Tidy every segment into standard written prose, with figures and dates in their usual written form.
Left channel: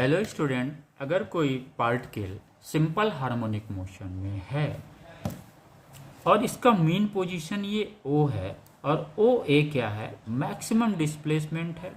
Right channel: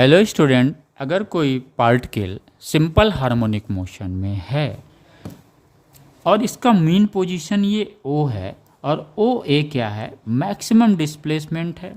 Hello student, अगर कोई particle simple harmonic motion में है और इसका मीन पोजीशन ये ओ है और ओ ए क्या है, मैक्सिमम डिस्प्लेसमेंट है,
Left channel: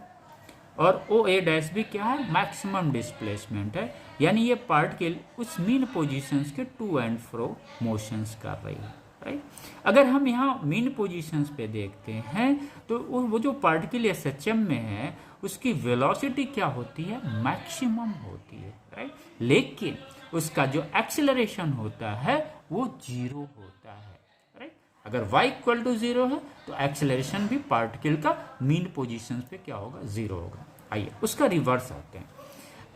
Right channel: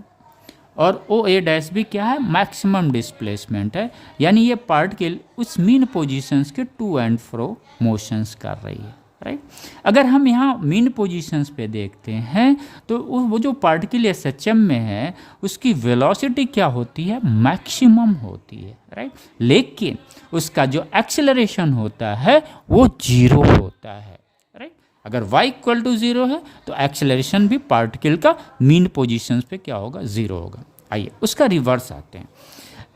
और ओ ए डैश भी क्या है, मैक्सिमम डिस्प्लेसमेंट है। यानी ये पार्टिकल उस मीन पोजीशंस के टू एंड फ्रो मोशंस कर रही है, राइट। अगर हम यहाँ मीन पोजीशंस पे देखते हैं तो वो जो पार्टिकल एसएचएम में है उसकी वेलोसिटी क्या होती है, मैक्सिमम होती है, राइट। लेकिन उसका जो एक्सेलरेशन होता है वो जीरो होता है, राइट। अगर y इक्वल टू जीरो है तो एक्सेलरेशन भी पार्टिकल का मीन पोजीशंस पे क्या होगा, जीरो होगा। आइए उसका रिवर्स आते हैं।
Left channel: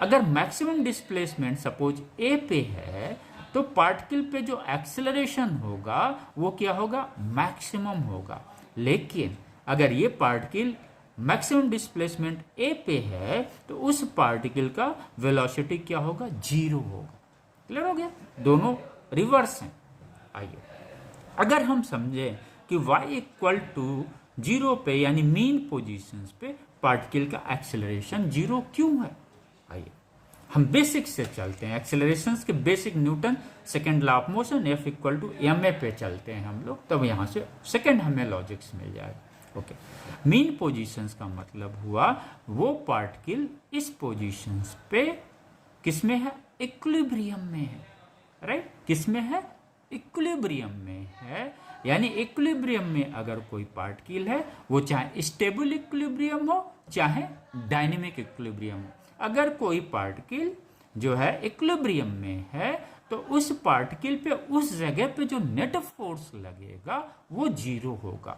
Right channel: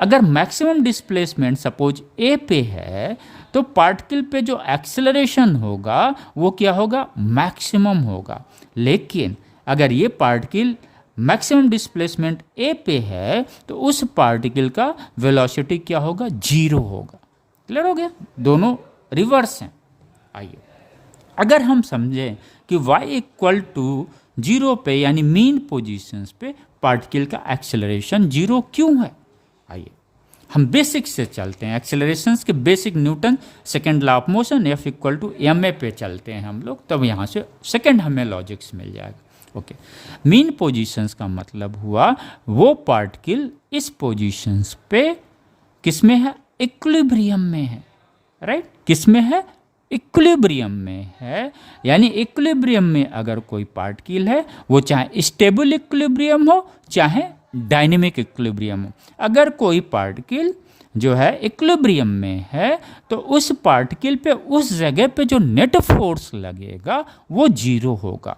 अगर मैक्सिमम डिस्प्लेसमेंट सपोज ए पे है तो पार्टिकल पे जो एक्सेलरेशन होगा वो क्या होगा, मैक्सिमम होगा। लेकिन अगर ये पार्टिकल मैक्सिमम डिस्प्लेसमेंट ए पे है तो उस पार्टिकल का वेलोसिटी क्या होगा, जीरो होगा। क्लियर हो गया, दोनों रिवर्स हैं। आइए अगर हम समझें कि y इक्वल टू जीरो पे यानी मीन पोजीशंस पे पार्टिकल का एक्सेलरेशन जीरो क्यों है, आइए हम बेसिक से चलते हैं। एक्सेलरेशंस के basic Newton second law of motion F equal to ma पे चलते हैं हम लोग, तब यहाँ से सेकेंड हमें लॉजिक्स मिल जाएगा। ओके, मीन पोजीशंस का मतलब हुआ वो पार्टिकल इस पोजीशंस पे किस में है, इक्विलिब्रियम में है, राइट। किस में है, इक्विलिब्रियम में है। यानी इक्विलिब्रियम में अगर कोई पार्टिकल है वो चाहे स्टेबल इक्विलिब्रियम हो चाहे डायनेमिक इक्विलिब्रियम हो। अगर कोई पार्टिकल जो है इक्विलिब्रियम में है तो उस पार्टिकल पे उस जगह पे जो नेट फोर्स लगेगा वो जीरो होगा,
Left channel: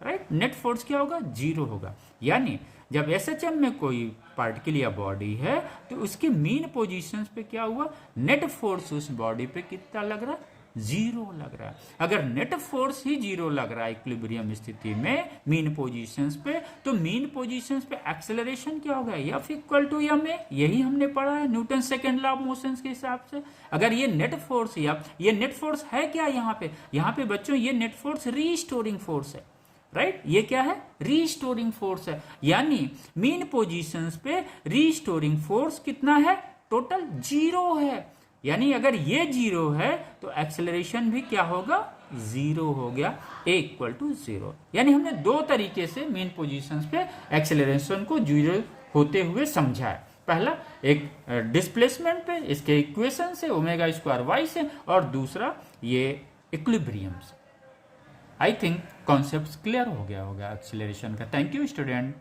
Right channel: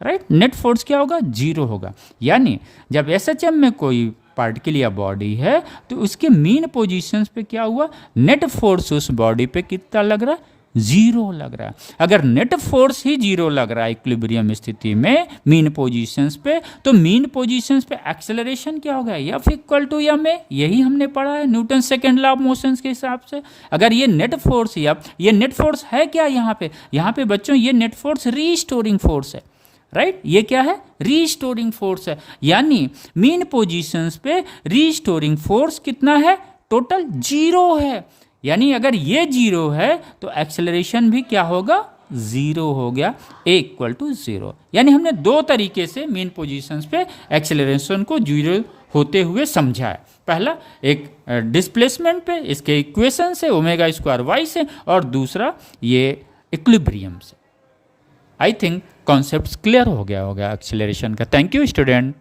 राइट। नेट फोर्स क्या होगा, जीरो होगा। यानी जब एसएचएम में कोई पार्टिकल या बॉडी है तो उसके मीन पोजीशंस पे क्या हुआ, नेट फोर्स उस बॉडी पे कितना लग रहा है, जीरो लग रहा है। अगर नेट फोर्स ही जीरो लग रहा है इक्विलिब्रियम स्थिति में मीन पोजीशंस पे, तो मीन पोजीशंस पे एक्सेलरेशन क्या होगा, F इक्वल टू ma। यही हमने पढ़ा है Newton second law of motions के हिसाब से। अगर ये नेट फोर्स या ये नेट फोर्स है क्या, यहाँ पे बच्चों ये नेट फोर्स रीस्टोरिंग फोर्स है, राइट। ये क्या है, रीस्टोरिंग फोर्स है। यानी मीन पोजीशंस पे रीस्टोरिंग फोर्स कितना है, टोटल जीरो है। यानी अगर ये जीरो है तो एक्सेलरेशन भी क्या होगा, जीरो हो गया, A इक्वल टू जीरो। यानी हमने दो तरीके से मीन पोजीशंस पे एक्सेलरेशन को जीरो होते हुए समझा है। पहला एक डिस्प्लेसमेंट पे, इसके इक्वेशन से ओमेगा स्क्वायर वाई से, और दूसरा ये इक्विलिब्रियम से। आई थिंक कॉन्सेप्ट क्लियर हो गया होगा एक्सेलरेशन का। Thank you student.